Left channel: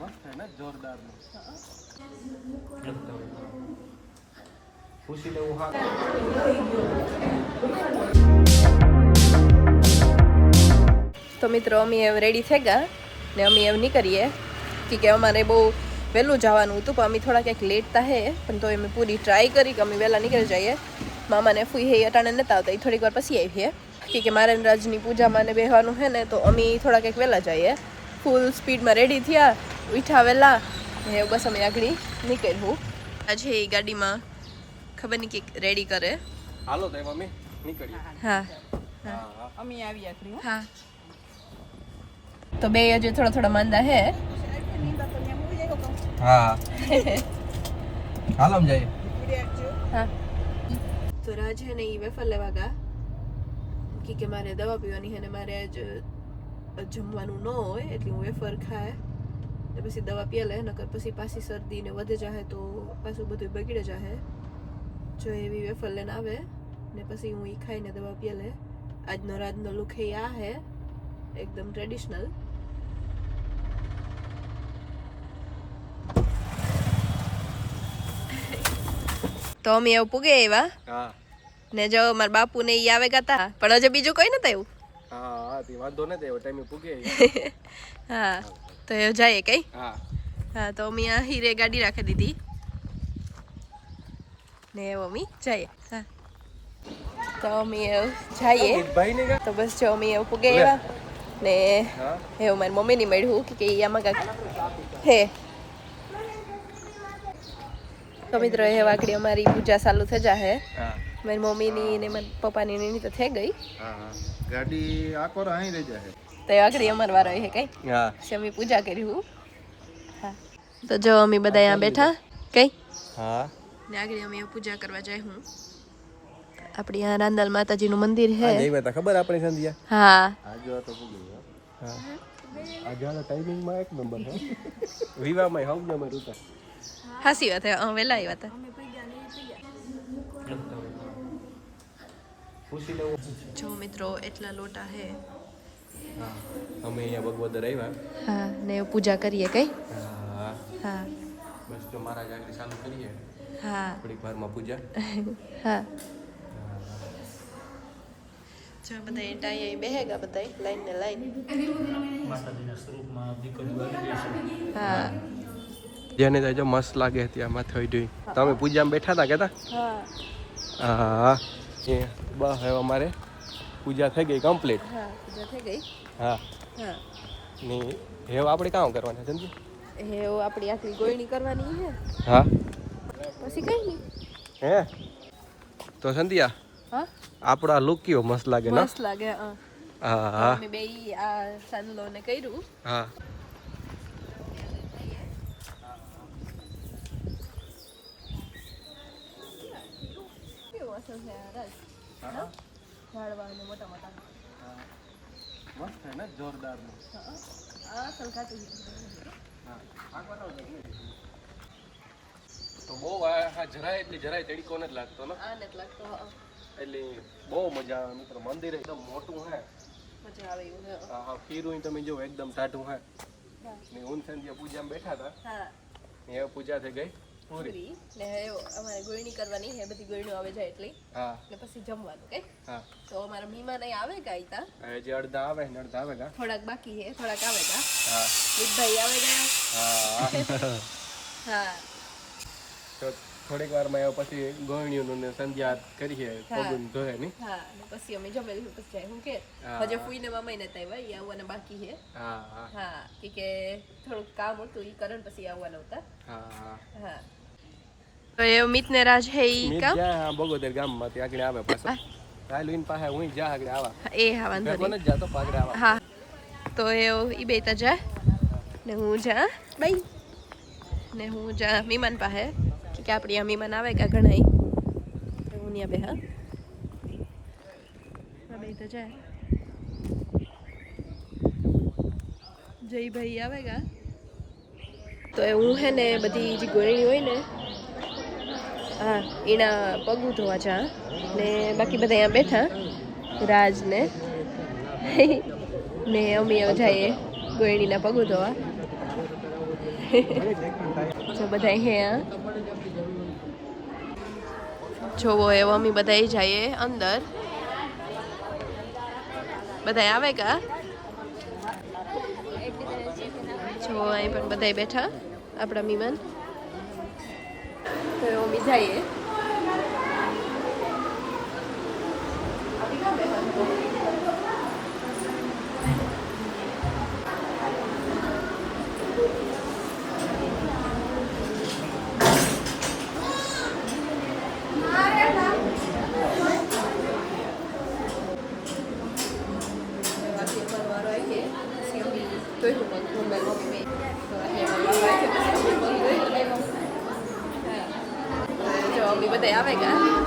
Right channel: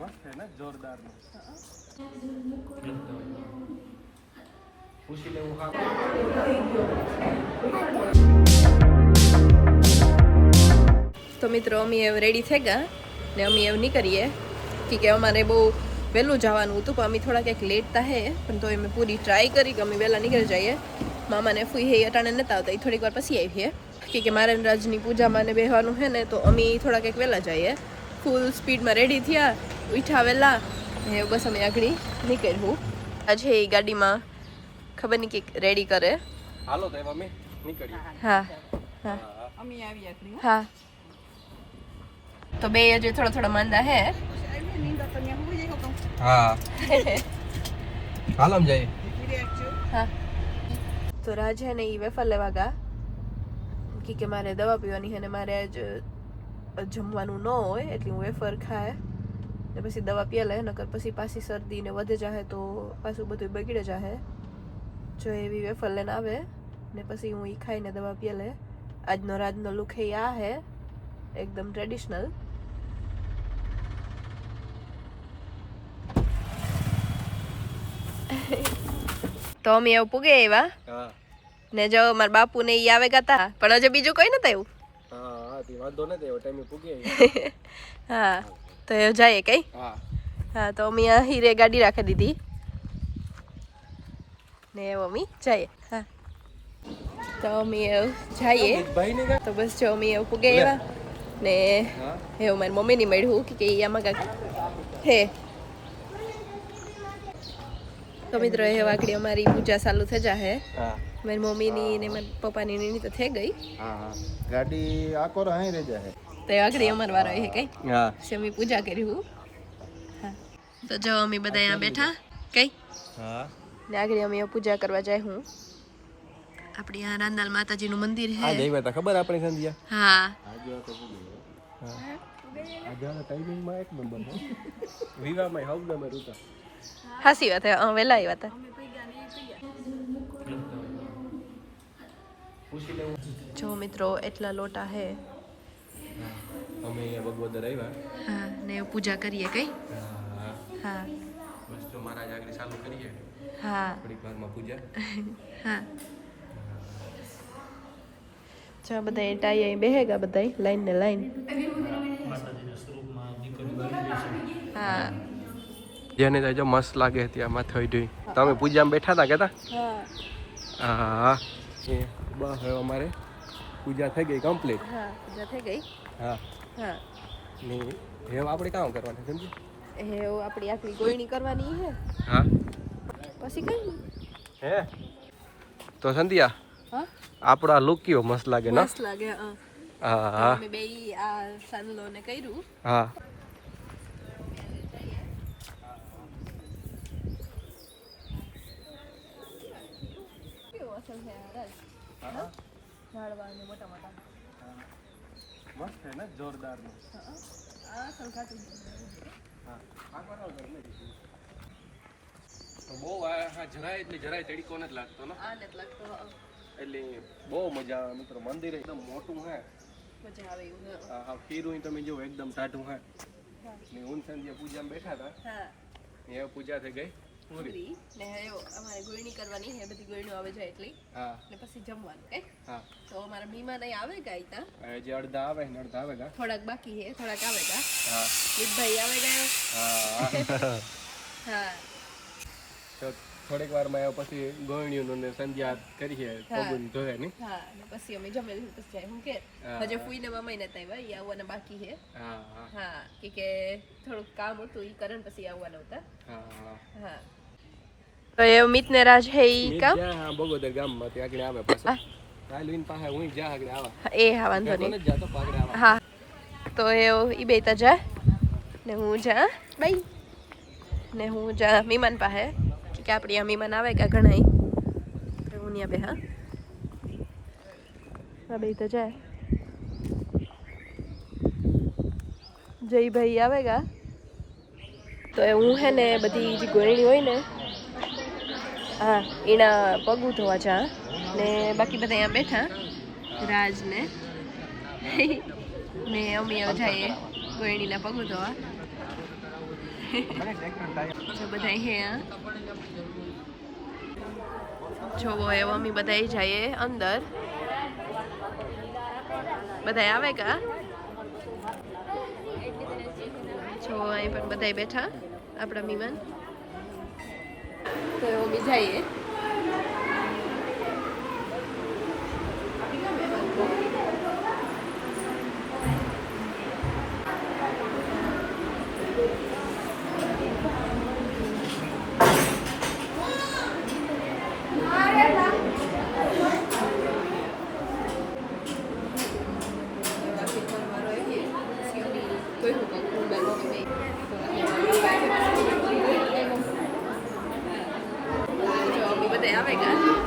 મસ્ત હે ને જોરદાર નો પૂછી લેવું તો મિત્રો અમે રેડી થઈ ગયા ને અમે એવું નહીં કરીએ કે અમારે બહુ વહેલું જવાનું હતું પણ અમે થોડા ક્યાંક લેટ તા હે પણ તો અમે પૂરી ટ્રાય કરી કે અમે વહેલા નીકળી જઈએ મામાને ફૂઈ હે અટાણે નતા આવતા એ થોડીક વાર પછી આવીએ કે મારે રાજની પૂજામાં ને બેહવાનું છે ને તો અમે થોડા ક્યાંક વહેલા જઈએ ફૂલ સ્પીડમાં રેડી થયા ઉઠ્યા વહેલા ને બસ અમે આગળ નીકળ્યું આજે એ ગાડીમાં ખબર નહીં કે રેડી કરે હાલો તો અમે નીકળીએ હા હા અમે આવી આગળ હા તો બે હજુ થોડા થોડા માંદા હે હા હાલો જઈએ હા તો રાજ હે ને એ વેફર લેવા ગયા કે મારે દવા પીવાની છે ને મારે આજ જમવાનું ન હોય એટલે હું વેફર ખાય ને પછી દવા પીએ લે નકર પછી પાછી શરદી ને વધે જાહે તો પાછું બધું બગડે જાહે જો એવી વેફર લઈને આવે ને પછી હું એ ખાઈને દવા પીએ લે આજનો રાજનો લુક હે આ હે એકદમ ટ્રેડિશનલ તો અમે એવું પૂગે એવા હા ને જો મારા બાપુ ને ઈ આવે ગાતા પણ હજુ બીજું કોઈ નતું આવ્યું હા તે વાંધો નથી એવો ટાઈમે પૂગે હા તો એ જાય કઈ હા હા તો અમે આ હીરે ગાડી રાખી દીધી ને એવું અમે જઈએ હા તો અમે જઈએ ભાઈ ને તો બસ જો અમે એવું પૂગે એવા ને એવું મારી મમ્મીની મળ્યું કે આમાં કાંક હે તો મિત્રો એ વાકડી અમારી પૂજા ચાલુ થઈ જાહે હા મારી મમ્મીની ને મારા પપ્પાની ની તો થઈ ગઈ હા ગાડી આકોર અહીં રહી જાય તો એ વાકડી અમાર વારો હે કઈ હા અમે પૂજા કર્યું હા તો જો અમે બધા અહીંયા બેઠા કઈ હા ને આગળ અમે પૂજા કરવા જાય હું આપણી આ રાંદલ માતાજીનું મંદિર હે આ જઈવા તા ખબર આપણી સંધ્યા હા આજો તો પૂગે હા આજો ટાઈમિંગ માં એક નંબર હે વિવાહમાં હવ નંબર ઉતા હાસી વાત હે વેલા આવ્યા હતા જો મિત્રો એટલા લોટા હે હા અમે અહીંયા ભગવદર આવ્યા હા ને પૂજા કરીએ કઈ હા હા બસ તો મારા આગળ ચાલુ કરીએ હા થોડીક વારમાં પૂજા હા જો બધા ટાઈ અહીં બેહેગા બધા લાઈન ને લાઈન હા જેને જો મસ્ત લાગે ત્યાં માથે હોય ડોઈ તમે પૂજામાં બેઠા હતા કેતા હા હા એ બસ હવે અમારે પૂજા થઈ ગઈ કમ્પ્લીટ હા પૂજા થઈ ગઈ હા હા ને હવે આપણે કામ કરવાનું સમજો એવું આપણી આખરી ગોળણી કરવાની હે હા પછી કઈ નહીં હે તો સંધ્યા હા આપણો આ લુક કેવો મસ્ત લાગે ને મસ્ત લાગે હા હા હા અમે બે આ સાંદલો ને કર્યું હા કેવું અસર છે આ રાજ ઝાડવા ને મોટા મોટા મસ્ત છે ને જોરદાર નો આ અસલ કાઢું હા આ બરાબર તો બહુ આ જરાય એટલે જરાય તડકો નથી લાગતો ને આ નથી લાગતો એટલે બહુ મજા આવે મિત્રો મંદિર એકદમ મોટું હે મજા આવે એવું હે હા ખીરું તમે જો એકદમ ટાઢું હે ને હું સંધ્યા પૂજામાં બેઠા હતા હા એ પૂજા થઈ ગઈ પૂરી પૂરી ને અમારે ગોળણી કરવાની હે બધી ગોળણીઓ આવે જાય એટલે હા ને પછી જમવાનું કે હા તો અમારા મહેમાન અહીં આવે ગયા તા હવે જે અડધા આવે ને અડધા આવે ગા થોડાક બાકી હે થોડાક આવે ગયા હા મિતભાઈ આવે ગયા હા હા તો થોડીક વારમાં આવ્યો પછી ગોળણીઓનું ને સંધ્યા કરીએ પગું ધોય ની હા ને પછી અમે જમી લીધું પછી જાય હું કે હજુ ફૂઈને મામાઈ નતા આવ્યા ઈ આવવાના બાકી છે હા હા હા કે થોડુંક કામ હતું ઈ ਕਰਨ પછી આવવાના હતા હા હા હા તો એ મિત ને રાજ હે ઈ કામ હા બગોદર ગામમાંથી આગળ આવે પાછા રાયલુઈન પાસે હું જા આગળ આવા એ હા વાંધો મને નહીં જ જાતો આગળ આવા હા તો એ ઈ બે તા જા ને હું જા બાઈ ને હું જા મીમાન પાસે કે આપણી આ મીમાન આવે કે ઘણા હું ત્યાં બે હા બે તો જાય જયભાઈ આવેગા તો એ હું હે ને બધી જે ગોળણી હોય ને હા એના પગું ધોવા જા ને બાકી બધા અહીંયા બેઠા રાજ ને ને અમે જઈએ ગોળણીના પગું ધોવા જો બધા હે જોવો એવો અમે બધા જઈએ અંદર બધા આવે કા જો અહીં પણ બધા બેઠા આપણા મહેમાન તો અમે જઈએ જો અમે બધા આવે કા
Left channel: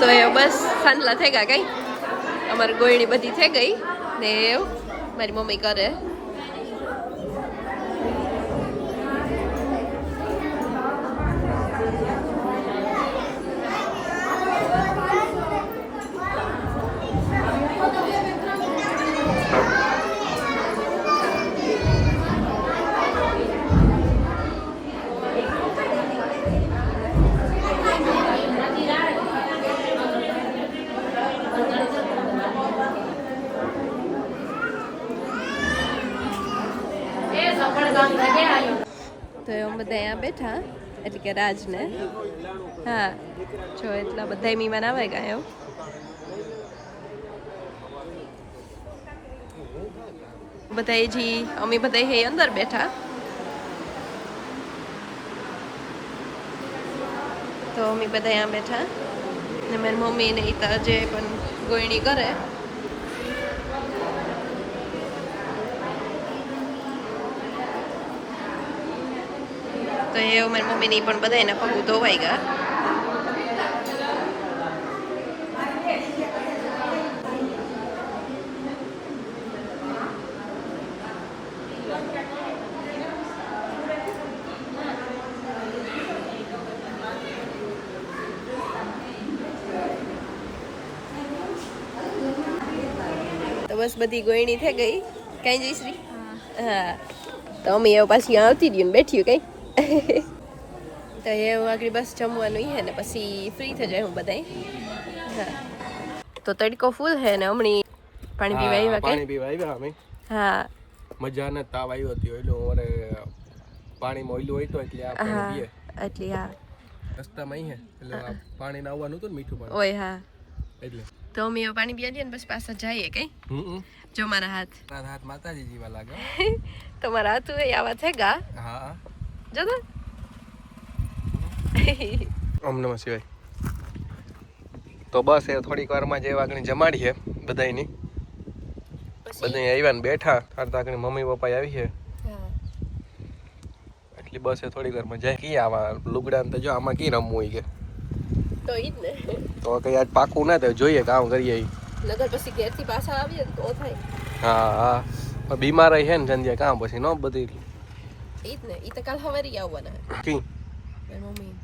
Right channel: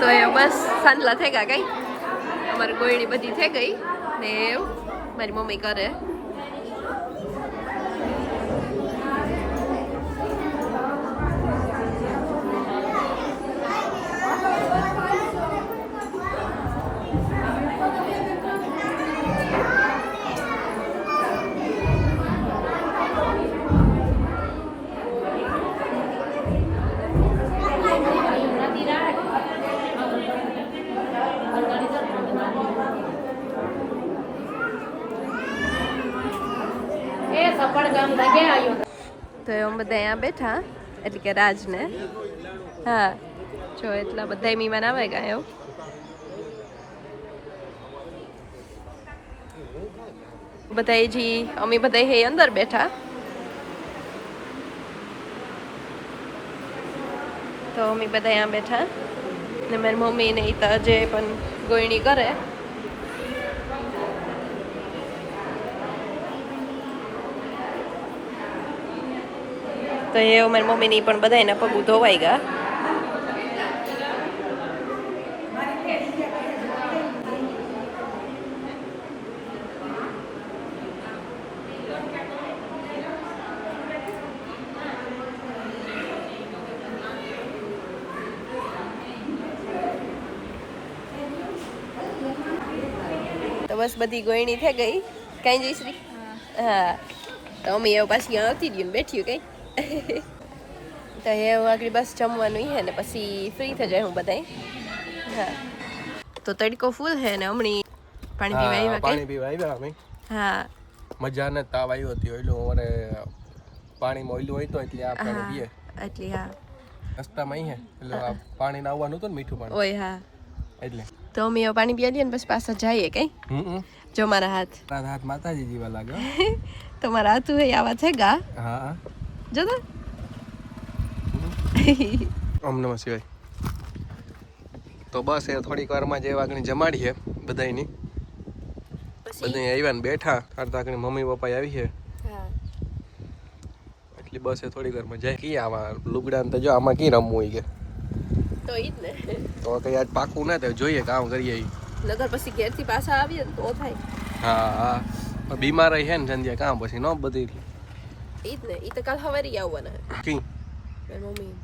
તો એ બસ સાંજલા થઈ ગયા કઈ અમારી ગોયણી બધી થઈ ગઈ ને એવું મારી મમ્મી કરે. તો અમે બધા અહીંયા બેઠા એટલે કે રાજને હા જો એટલા બધા મહેમાન આવે ગયા એવું બધા જી અમે બધા હે અંદર બેઠા તો અમે બધા અહીંયા બેઠા ને મારી મમ્મી ને ઈ તો જે પણ ગોયણી કરે તો એ મારી મમ્મીની પણ બધાયના પગું ધોવાઈ ગયા. તો બસ બધી ગોયણી થઈ ગઈ કઈ જઈશ્રી હા તો અમે એવું પાછી આવતી રહ્યું ને બેઠ્યું કઈ તો એ આગળ બસ જમવાનું હે ને પછી ફ્રી થઈ જાય હું બધાય હા તો તડકો ફૂલ હે ને હમણી પાણી પીવા આવ્યા પાણી પીવા આવ્યા અમે હા મજા ને તાવ આવ્યો હતી ઓઈલો ઓરે પાણીમાં ઓઈલું હોય તો એટલે આપણે પીએ એટલે હા રસ્તામાં અહીં હે એટલે પાણી ના આવવાનું હતું ને મીઠું પાણી ઓય હા એટલે તો અમે પાણી પીવા દઈએ ને પછી પાછા જઈએ કઈ જો મારા હાથ માતાજી જેવા લાગે તમારા હાથું હે આવા છે ગા હા જો તો ઓમ નમઃ શિવાય. તો બસ એ થોડીક વારમાં જે વાગણી જમાડી છે બધાયની બધા આવ્યા ને બેઠા તાકણી મમ્મી પપ્પા આવી છે એટલી બસ એ થોડીક વારમાં જાય કી આવા લુગડા તો જો આમાં કી રમવું હોય કે તો ઈ જ ને તો કઈ આજ પાકું ના થાય જોઈએ કામ કરીએ નગર પછી ઘેરથી પાછા આવીએ તો થાય હા હા બીમાર રહી છે ને સંધ્યા કામ પછી ન બધી ઈ જ ને ઈ તો કાલ હવારી આવવાના કી મારી મમ્મી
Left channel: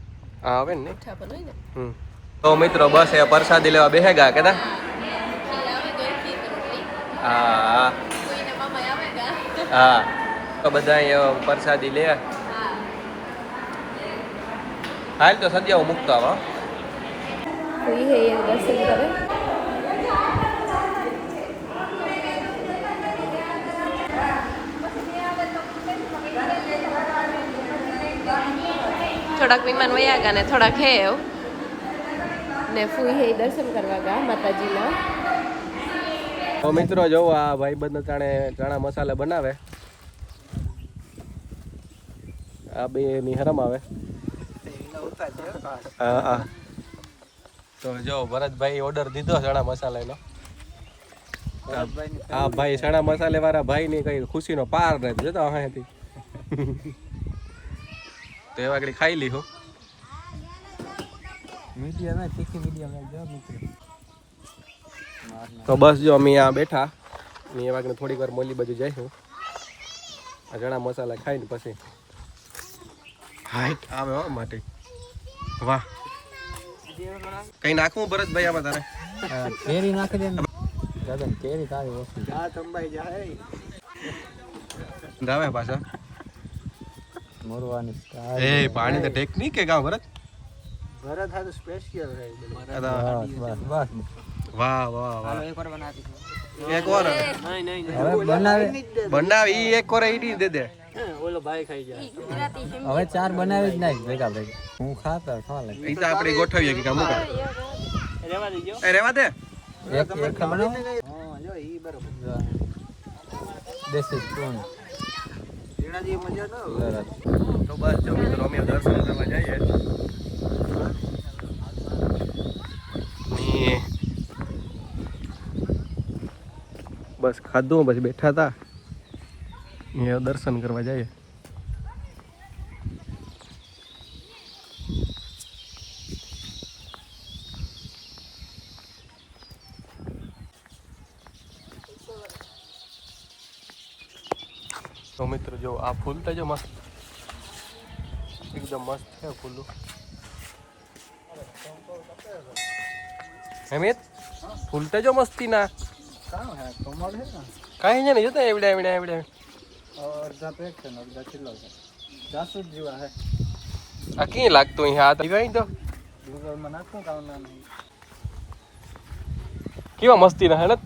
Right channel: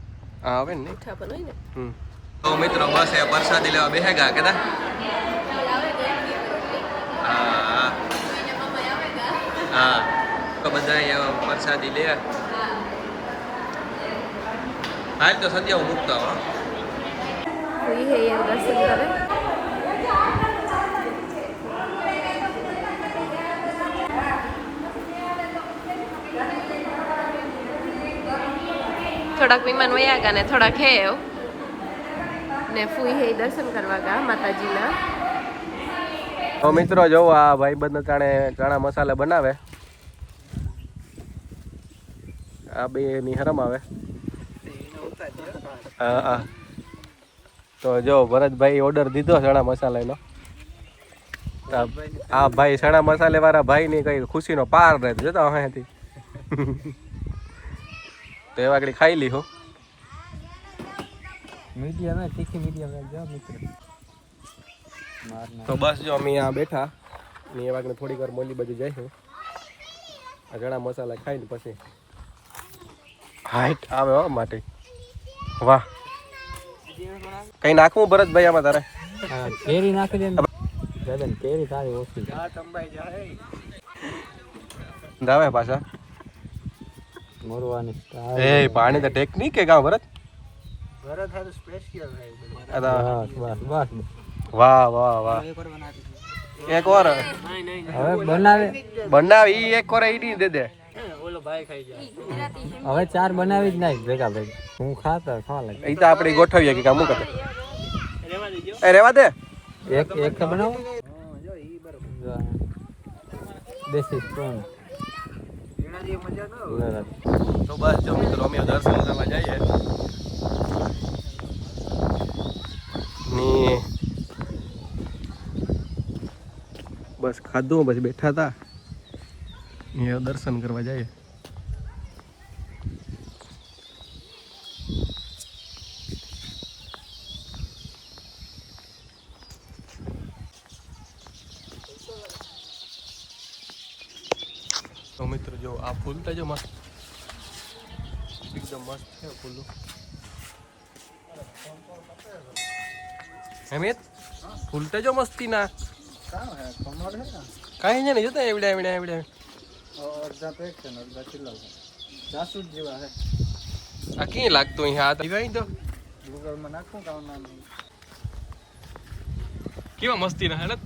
હા આવે ને મીઠા પણ હોય ને તો મિત્રો બસ એ પ્રસાદી લેવા બેહે ગયા કેતા હા હા તો બધા પ્રસાદી લે હાલ તો સદ્યા મૂકતો આવા કોઈ હે એ દર્શન કરે થોડાક વિમાન વયા ગયા ને થોડાક હે ને ફૂઈ હે દર્શન કરવા ગયા માતાજીના. તો મિત્રો જો આ ભાઈબંધ ચણા મસાલા બનાવે આ બે ની હરમ આવે હા હા તો જો ભરતભાઈ ઓર્ડર દીધો ચણા મસાલાનો આ ભાઈ ચણા મસાલે વાળા ભાઈ ની કઈ ખુશીનો પાર નથી જોતો અહીંયાથી તો એવા આગળ ખાઈ લી હું તો બસ જો અમે આ બેઠા મેં એ વાગને થોડીક વાર મોલી બાજુ જઈશું આ ચણા મસાલા ખાઈને પછી હાઈટ આવે હો માટે વાહ કઈ નાખવું ભરતભાઈ આમાં તારે કેરી નાખી દે દાદા કેરી તારી ઓછી આ ચંબાઈ જાય આવે પાછા મોરવાની એ પાણી તો ટેકનિક કે ગામ ભરત ભરત હે તો સ્પેશિયલ હે વાહ વાહ વાહ એક વાર હવે બનાવી ઈ એક વાર ઈડી દે દે ઓલો ભાઈ ખાઈ જાય હવે ચાર બનાવી જ નહીં ભેગા હું ખાતા ખા લાગે ઈ તો આપણે ગોઠવીએ કે કામ કરે એ રેવા દે એક બનાવ જો ઈ બરોબર દેશી સ્પૂન એનાથી મજા ન તો બસ જો મિત્રો અમે દર્શન કરવા જઈએ બસ ખાધું પછી બેઠા હતા એ દર્શન કરવા જઈએ તો મિત્રો જો આ ફૂલ તો જો મસ્ત એકદમ મસ્ત છે ફૂલું. હેમિત ફૂલ તો જો મસ્તી ના કાંઈ છે ને જોતા એવડ્યા એવડ્યા એવડ્યા આ ક્યાં લાગતું અહીંયા આ તો કેવા મસ્તી ના હે ને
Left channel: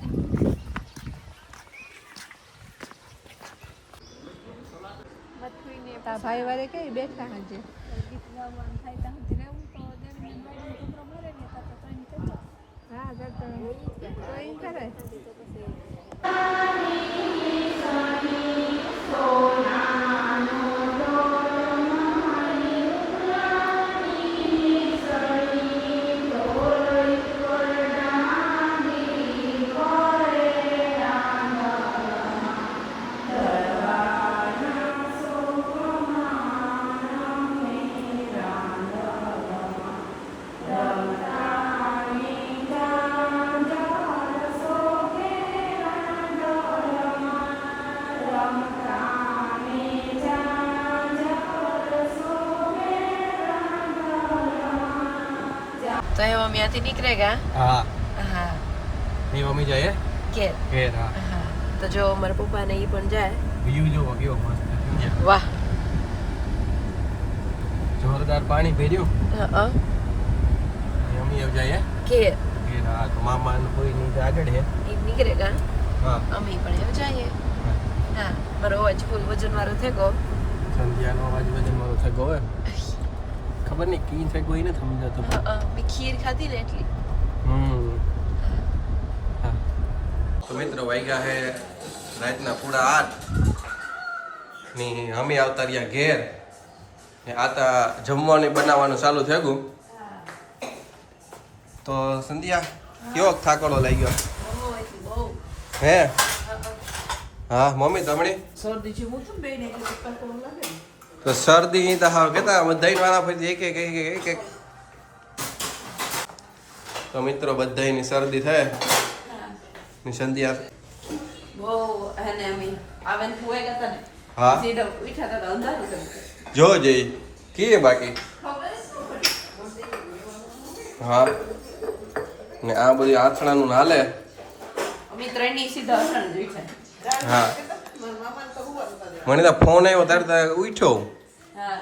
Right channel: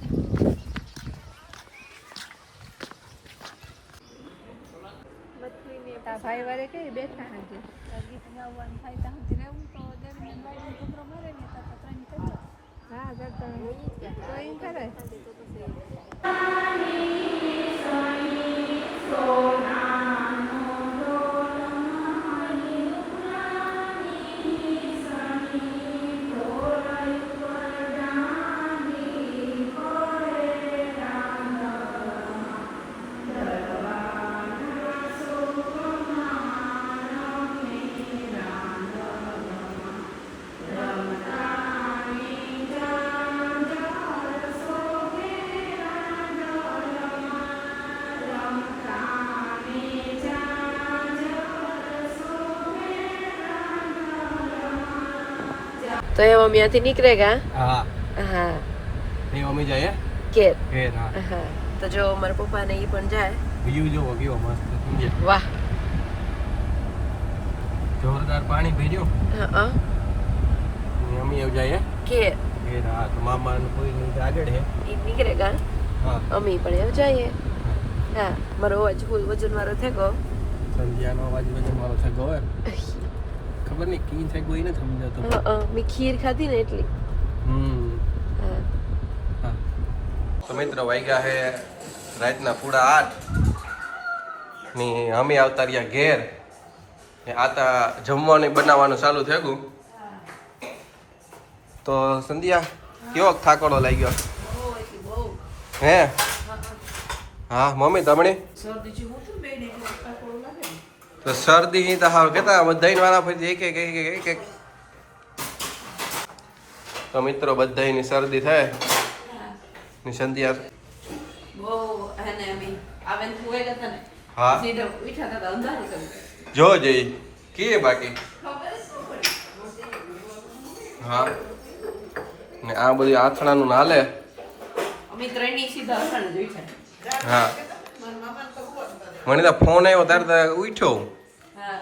ભાઈ વારે કઈ બેઠા હજી ગીત ગાવાનું થાય ત્યાં સુધી રહેવું તો દેવીને બાઈને છોકરો મરે ને તો ત્રણ કરતો હા કરતો તો એમ કરે તો એ મમ્મી ત્યાંથી નીકળેગા હા હા એ મમ્મી જાય કે ઘેર હા તો જો મારા પપ્પા ને ઈ પણ જાય વ્યૂ જોવો કેવો મસ્ત વાહ જોરદાર પાણી ભેર્યું હા મમ્મી એવું જાય કે ઘેર હા તો મામા ને કોઈ ની આગળ હે ઈ નીકળેગા હા અમે પણ એમ જઈએ હા મારો અવાજ ફૂલ વજન વાળો થઈ ગયો સંધ્યાનો અવાજ વજન મારો થઈ ગયો ખબર નહીં કી થઈ ગઈ ને સમજાતો મેં ખીર ખાધી ને એટલી હા તો મિત્રો વાગ્યા હે રાતના 8:30 ની અમે આવતા રહ્યા ઘેર ને આતા જમવાનું બનાવવાનું ચાલુ થઈ ગયું તો સંધ્યા કેવો થાકોડો લાગી ગયો હે હા મમ્મી તમણી તો શરદી તો હા કેતા બધાઈ વાળા પછી એક તો મિત્રો બધાની શરદી થાય ની સંધ્યા બહુ અને અમે આવે ને હુએ ગયા ને હા સીધા ઉઠ્યા હતા અંધારું કર્યું જો જઈ કીએ બાકી હા ને આ બધી આથણાનું નાલે અમે ત્રણની સીધા અસણ જ ઉઠ્યા હા મને તો ફોન આવ્યો ત્યારે તો ઉઠ્યો હા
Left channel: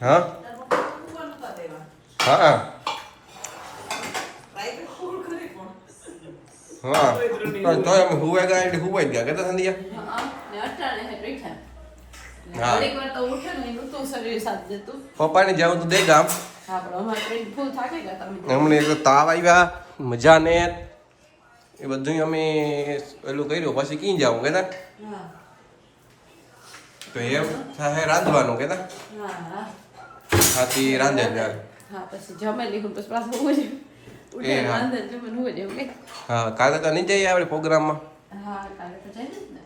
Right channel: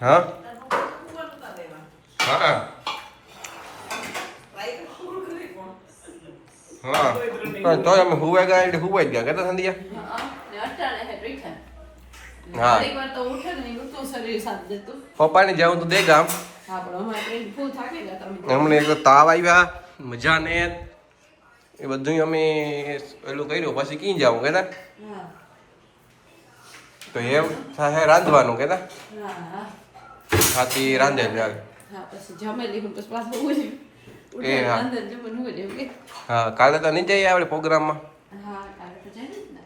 હા હા હા પણ તોય અમે હુવાઈ ગયા એટલે હુવાઈ જ ગયા કેતા સંધ્યા ને અટાણે હે બેઠા હા એક વાર તો ઉઠે ને નતું શરીર સાથ દેતું પપ્પાને જાઉં તો દે ગામ હા પણ અમારે ટ્રેન ફૂલ થાકી ગયા તમે અમને એક તો તાવ આવ્યા મજા ને એ બધું અમે પેલું કર્યું પછી કઈ જાવ કેતા હા તો એમ થાય રાંધવાનું કેતા હા હાથી રાંધે જાય હા પછી જમેલી હું પછી પાછું ઉઠે ઉઠે એ હા. અંદર જમે હું કે હા કાલે તો નહીં જઈએ આપણે પ્રોગ્રામમાં હા કાલે તો જાય ને